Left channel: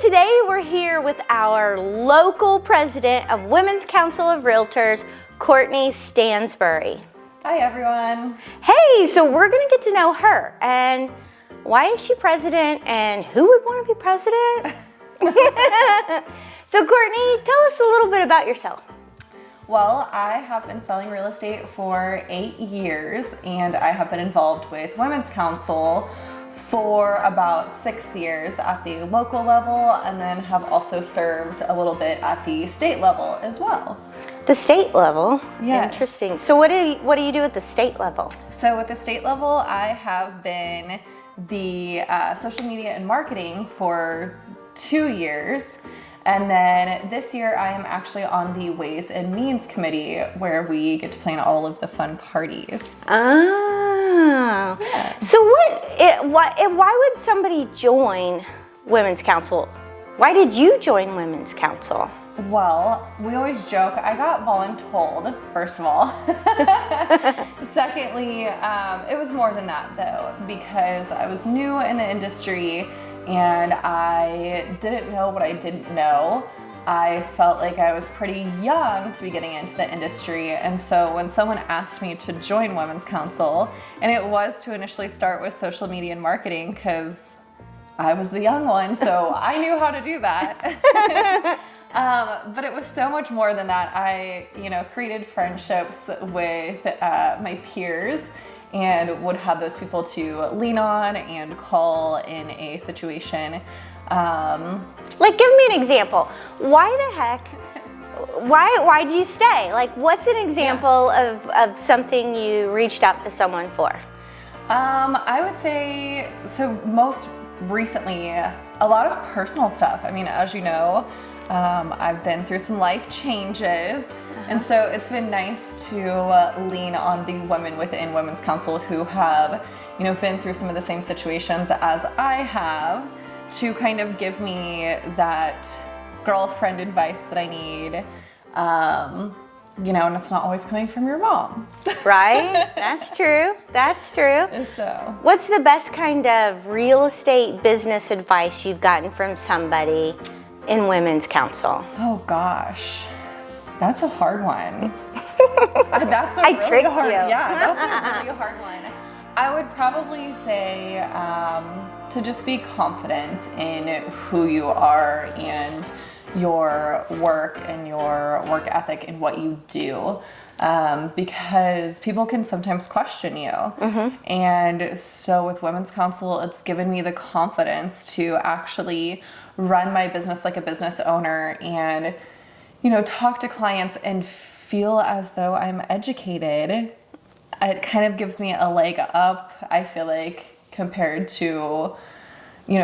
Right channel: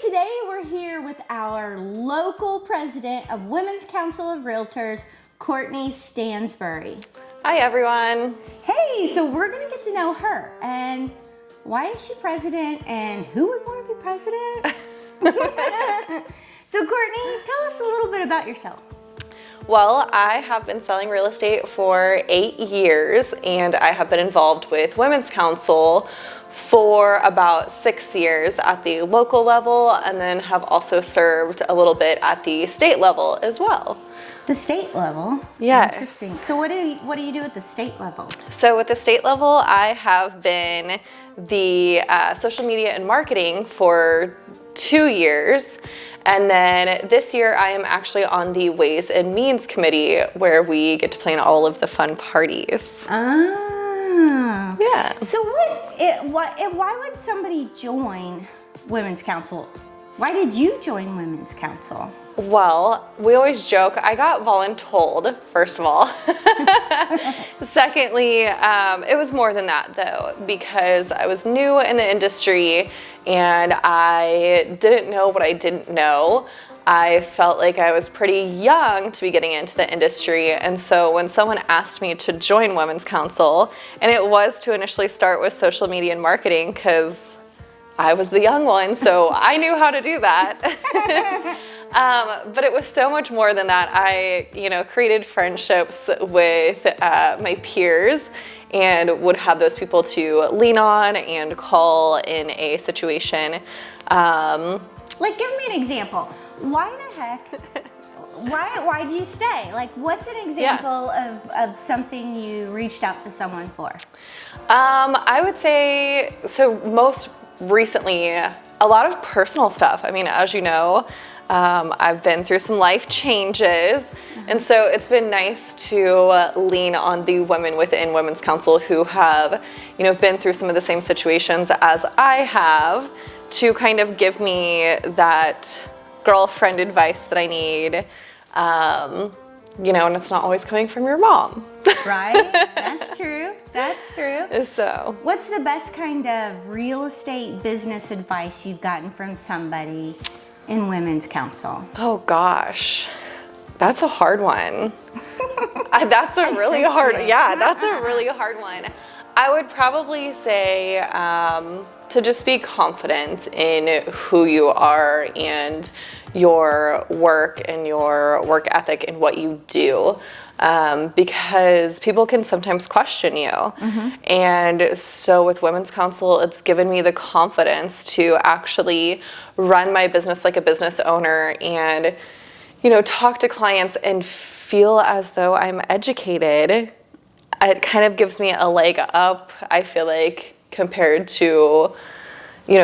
Today we're here with our local president of Women's Council of Realtors, Cortney Stansbury. Hi everyone. Hey, so we're gonna get to know her and why is she president and who would want to be president? So Cortney, tell us a little bit about yourself. Well, I have been selling real estate for 8 years and I have been involved with Women's Council for about 6 years at the local level, and then have also served a little bit at the state level as well. The state level? Yes. Interesting. So what do you do at the state level? So at the state level, I have been the social media and marketing for 2 years. And then this year I am actually on the Ways and Means Committee, where we get to plan all of the fun parties. Ah. Yeah. So why would somebody join Women's Council? Why did you join Women's Council? Well, we always joke, I got voluntold, first of all. Secondly, it was more than that though, because I was new in the industry and I didn't know what I didn't know. I felt like I was pretty young to be getting into the industry, and so when someone asked me to join Women's Council, and it was to initially start with social media and marketing because I was the young one, so I knew how to do that. But it was so much more than that. I, created friendships with my peers and would have those people to lean on and call in a situation. Like, give me an example. Why the heck? Why do you stay? Like, what's an example of something you reached out to someone for? I would say, so most recently, a lot of personal stuff. I mean, as you know, I've been through some life changes, and so it's been nice to lean on the women within Women's Council who have, been through some of the same situations as I have, to kind of give me that girlfriend advice that I need, and it's not always coming from your mom. Right? That's true. That's true. So, what's the best kind of real estate business advice you've gotten from somebody in Women's Council? oh gosh, that's a hard one. That's I a really tricked hard, you. yeah, that's a really hard one. I would probably say to just be confident in who you are and your work and your work ethic and what you do, because people can sometimes question you. And so with Women's Council, it's given me the confidence to actually run my business like a business owner and, talk to clients and feel as though I'm educated. It kind of gives me a leg up, I feel like, compared to,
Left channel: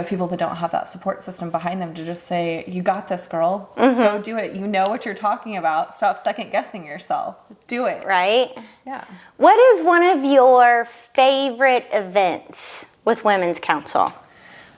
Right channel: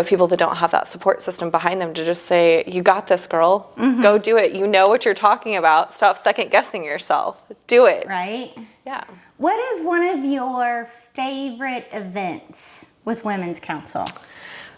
people that don't have that support system behind them to just say, you got this, girl. Go do it. You know what you're talking about. Stop second guessing yourself. Do it. Right? Yeah. What is one of your favorite events with Women's Council?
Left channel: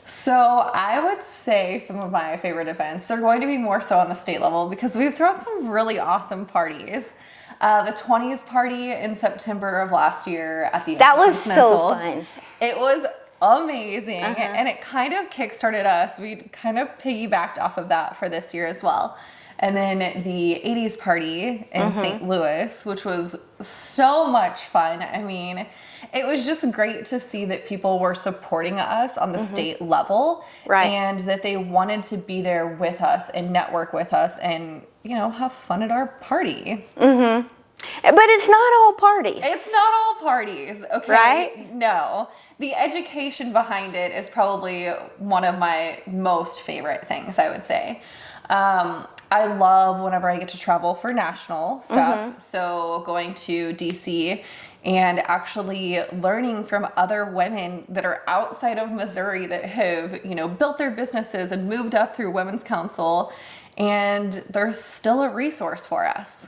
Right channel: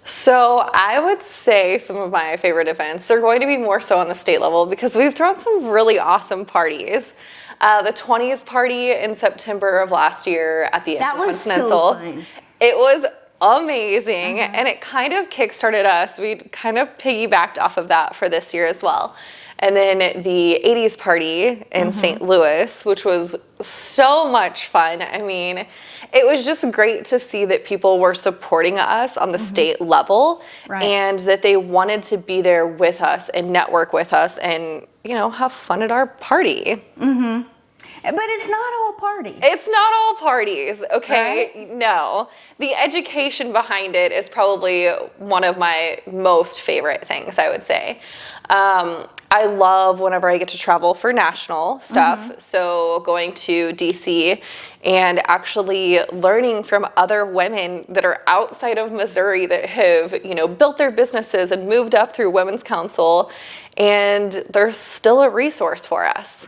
So I would say some of my favorite events, they're going to be more so on the state level because we've thrown some really awesome parties. The 20s party in September of last year at the That was so fun. It was amazing, and it kind of kickstarted us. We kind of piggybacked off of that for this year as well. And then the 80s party in St. Louis, which was so much fun. I mean, it was just great to see that people were supporting us on the state level, and that they wanted to be there with us and network with us and, have fun at our party. But it's not all parties. It's not all parties, okay? Right? No. The education behind it is probably one of my most favorite things, I would say. I love whenever I get to travel for national stuff. So going to DC and actually learning from other women that are outside of Missouri that have, built their businesses and moved up through Women's Council, and they're still a resource for us.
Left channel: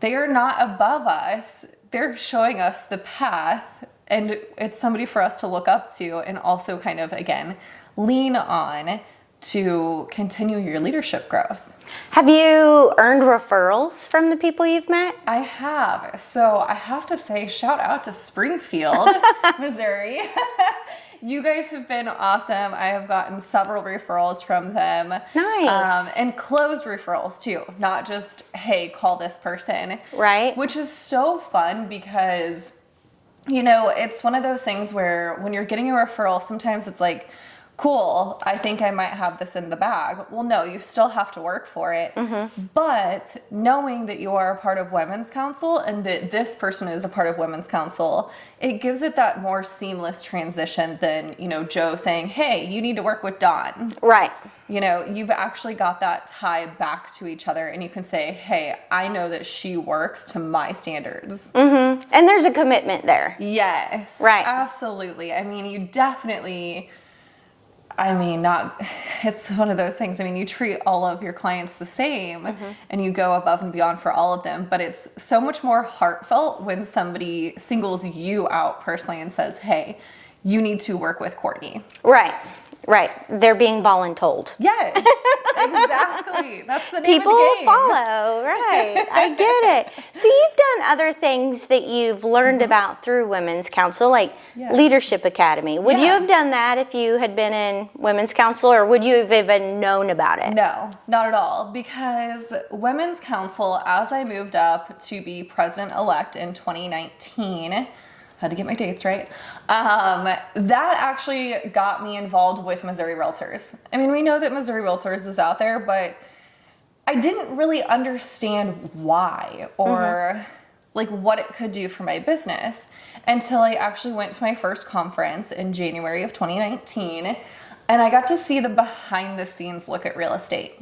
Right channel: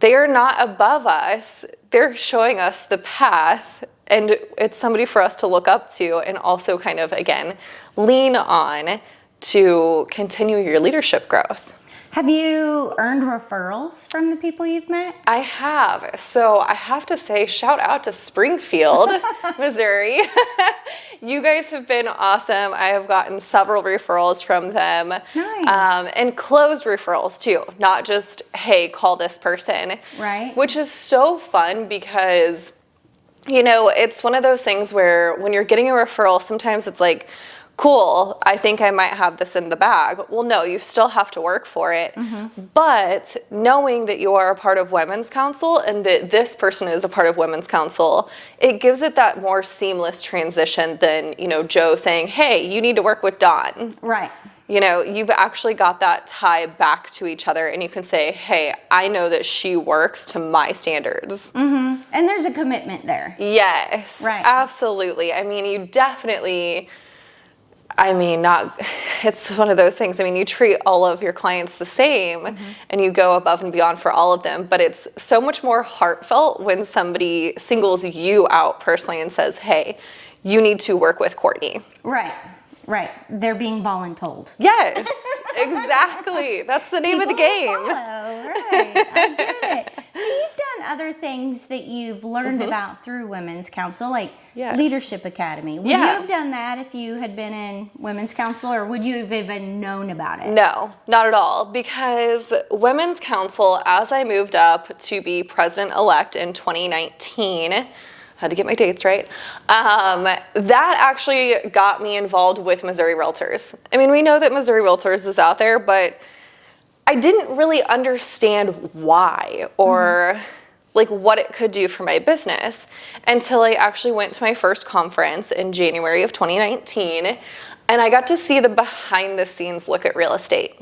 They are not above us. They're showing us the path, and it's somebody for us to look up to and also kind of, again, lean on to continue your leadership growth. Have you earned referrals from the people you've met? I have. So I have to say, shout out to Springfield, Missouri. You guys have been awesome. I have gotten several referrals from them. Nice. And closed referrals too, not just, hey, call this person. Right. Which is so fun because, you know, it's one of those things where when you're getting a referral, sometimes it's like, cool, I think I might have this in the bag. Well, no, you still have to work for it. But knowing that you are a part of Women's Council and that this person is a part of Women's Council, it gives it that more seamless transition than, you know, Joe saying, hey, you need to work with Dawn. Right. You know, you've actually got that tie back to each other and you can say, hey, I know that she works to my standards. And there's a commitment there. Yes. Right. Absolutely. I mean, you definitely... it's one of those things. I mean, you treat all of your clients the same and you go above and beyond for all of them, but it's so much more heartfelt when somebody singles you out personally and says, hey, you need to work with Cortney. Right. Right. They're being voluntold. Yes, exactly. That's the name People of the game. follow. Right. I get it. So you've done other things that you've learned about through Women's Council, like Leadership Academy. Would you have done that if you had been in Women's Council, or would you have even known about it? No, not at all. Because Women's Council, as I moved up to be president-elect in 2019, had to get my dates right. That actually got me involved with Missouri Realtors. I mean, we know that Missouri Realtors is out there, but I didn't really understand why or like what it could do for my business until I actually went to my first conference in January of 2019, and I got to see the behind the scenes look at real estate.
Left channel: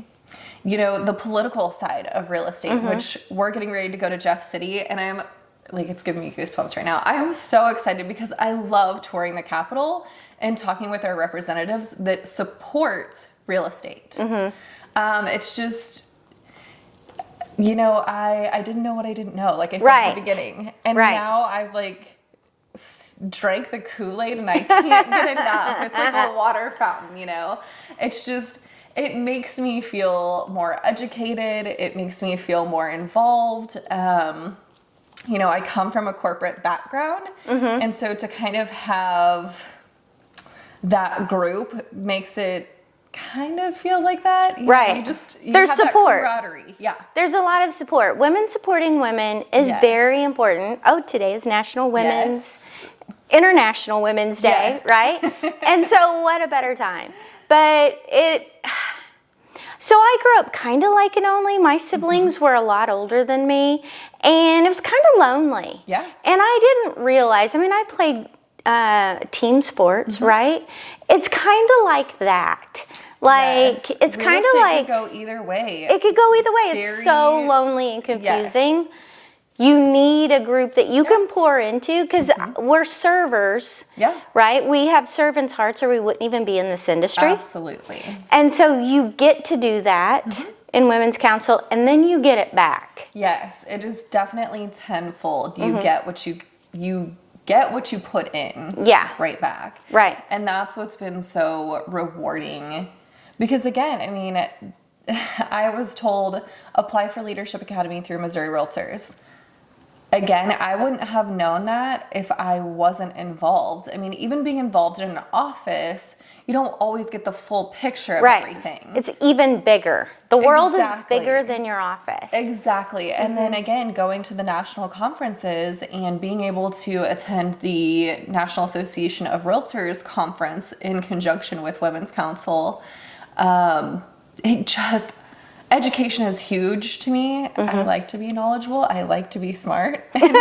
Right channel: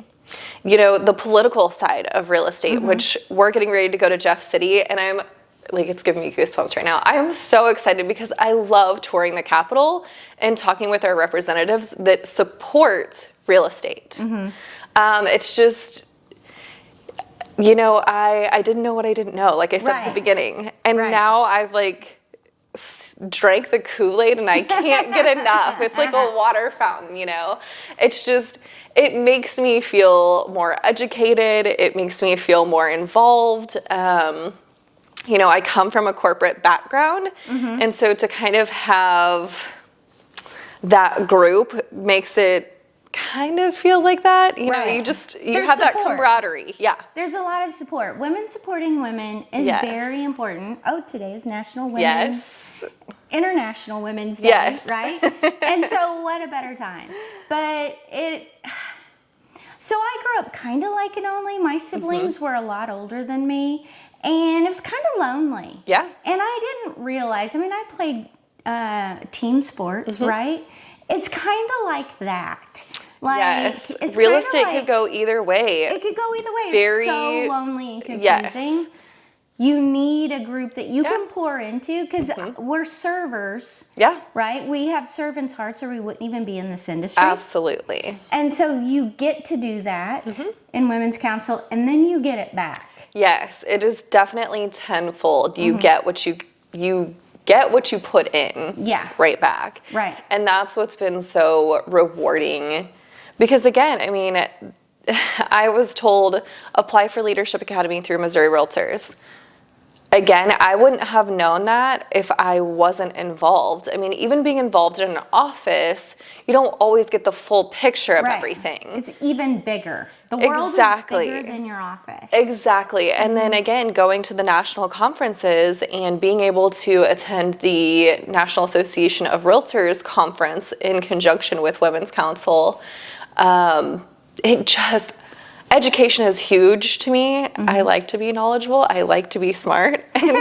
You know, the political side of real estate, which we're getting ready to go to Jeff City, and I'm like, it's giving me goosebumps right now. I am so excited because I love touring the Capitol and talking with our representatives that support real estate. It's just, you know, I didn't know what I didn't know, like I said at the beginning. And now I've like drank the Kool-Aid and I can't get enough. It's like a water fountain, you know? It's just, it makes me feel more educated. It makes me feel more involved. You know, I come from a corporate background, and so to kind of have that group makes it kind of feel like that. You know, you There's have support. that camaraderie. Yeah. There's a lot of support. Women supporting women is very important. Oh, today is International Women's Day, right? And so what a better time. But so I grew up kind of like an only. My siblings were a lot older than me, and it was kind of lonely. Yeah. And I didn't realize, I mean, I played team sports, right? It's kind of like that. Like, it's real kind of estate like... could go either way. It could go either way. It's so lonely and confusing. You need a group that you can pour into, because we're servers, right? We have servants' hearts, or we wouldn't even be in this industry. Absolutely. And so you get to do that in Women's Council, and then you get it back. Yes, it is definitely tenfold. You get what you get what you put in right back. Right. And that's what's been so rewarding. Because again, I mean, I was told, apply for Leadership Academy through Missouri Realtors. Again, I wouldn't have known that if I wasn't involved. I mean, even being involved in an office, you don't always get the full picture of everything. It's even bigger. The world is bigger than your office. Exactly. And then again, going to the national conferences and being able to attend the National Association of Realtors conference in conjunction with Women's Council, education is huge to me. I like to be knowledgeable. I like to be smart. And so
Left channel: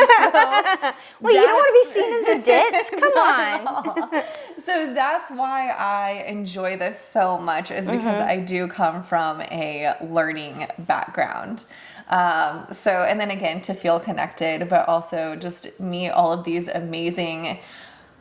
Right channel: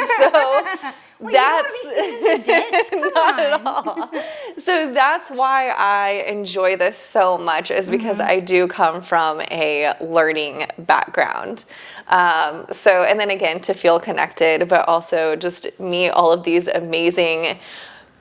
well, you don't want to be seen as a ditz. Come on. So that's why I enjoy this so much, is because I do come from a learning background. And then again, to feel connected, but also just meet all of these amazing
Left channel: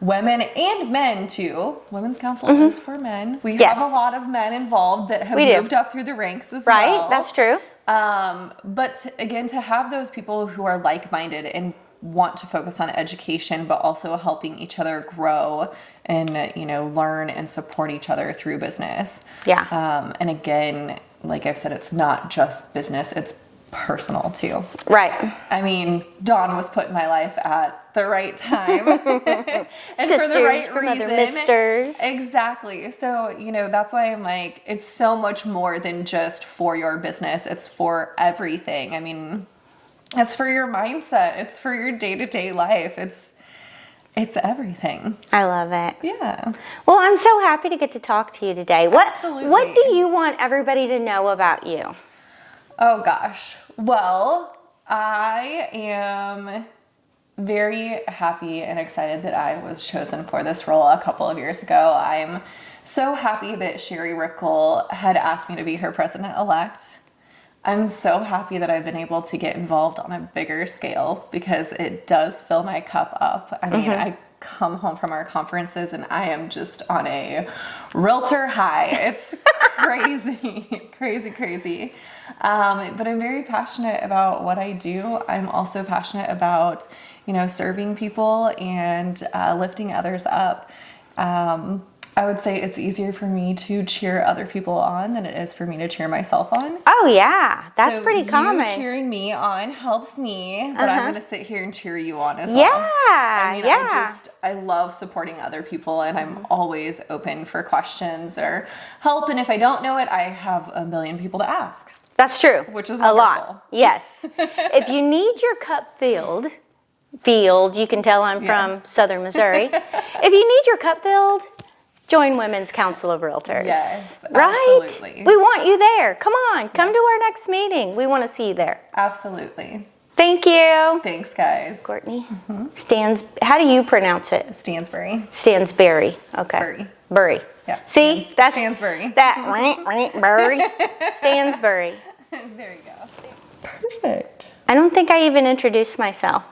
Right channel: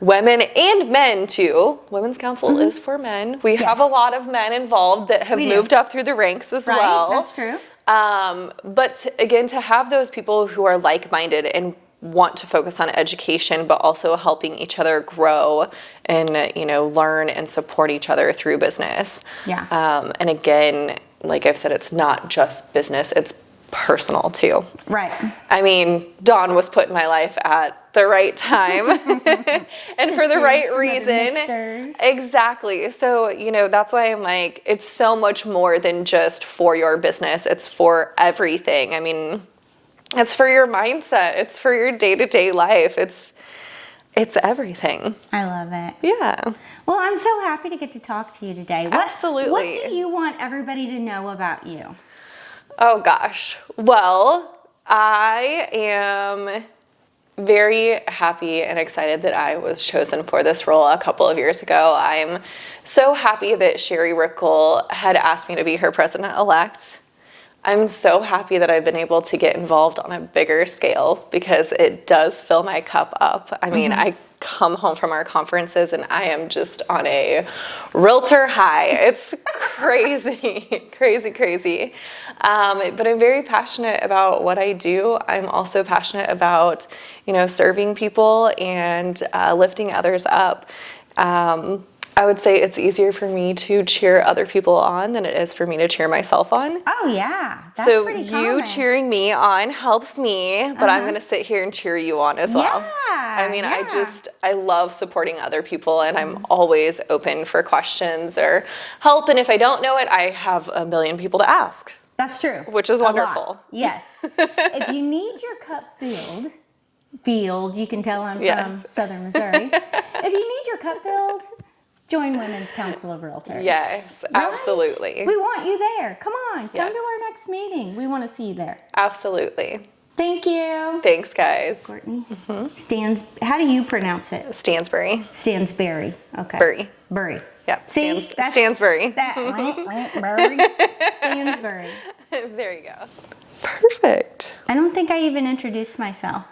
women and men too. Women's Council is for men. We have a lot of men involved that have moved up through the ranks as well. That's true. But again, to have those people who are like-minded and want to focus on education, but also helping each other grow and, you know, learn and support each other through business. Yeah. And again, like I've said, it's not just business, it's personal too. Right. I mean, Dawn was put in my life at the right time and for the right reason. Misters. Exactly. So, you know, that's why I'm like, it's so much more than just for your business. It's for everything. I mean, it's for your mindset. It's for your day-to-day life. It's everything. I love it. Yeah. Well, I'm so happy to get to talk to you today. Absolutely. What do you want everybody to know about you? Oh gosh. Well, I am very happy and excited that I was chosen for this role a couple of years ago. I'm so happy that Sherry Rickle had asked me to be her president-elect. I'm so happy that I've been able to get involved on a bigger scale because it does fill my cup up. I mean, I come home from our conferences and I am just on a realtor high. It's crazy, crazy. But I'm very passionate about what I do. I'm also passionate about, you know, serving people and lifting others up. I would say it's easier for me to cheer other people on than it is for me to cheer myself on. Oh yeah, that's so pretty common. You cheering me on helps me, but I'm going to sit here and cheer you on as well. I mean, I love supporting other people, and I'm always open for questions or help. And if I don't know it, I have a million people to ask. That's true. Which is a wonderful. Lot. Yes. If you need your cup filled, you can tell I'm from Southern Missouri. If you need your cup filled, join Women's Council of Realtors. Yes, right? Absolutely. We want you there. Come on, come to our next meeting. We want to see you there. Absolutely. Thank you. Thanks, guys. Courtney. How do you pronounce it? Stansbury. Stansbury. Okay. Bury. Yeah. See, that's Stansbury. Bury. Stansbury. There you go. Perfect. I don't think I even introduced myself.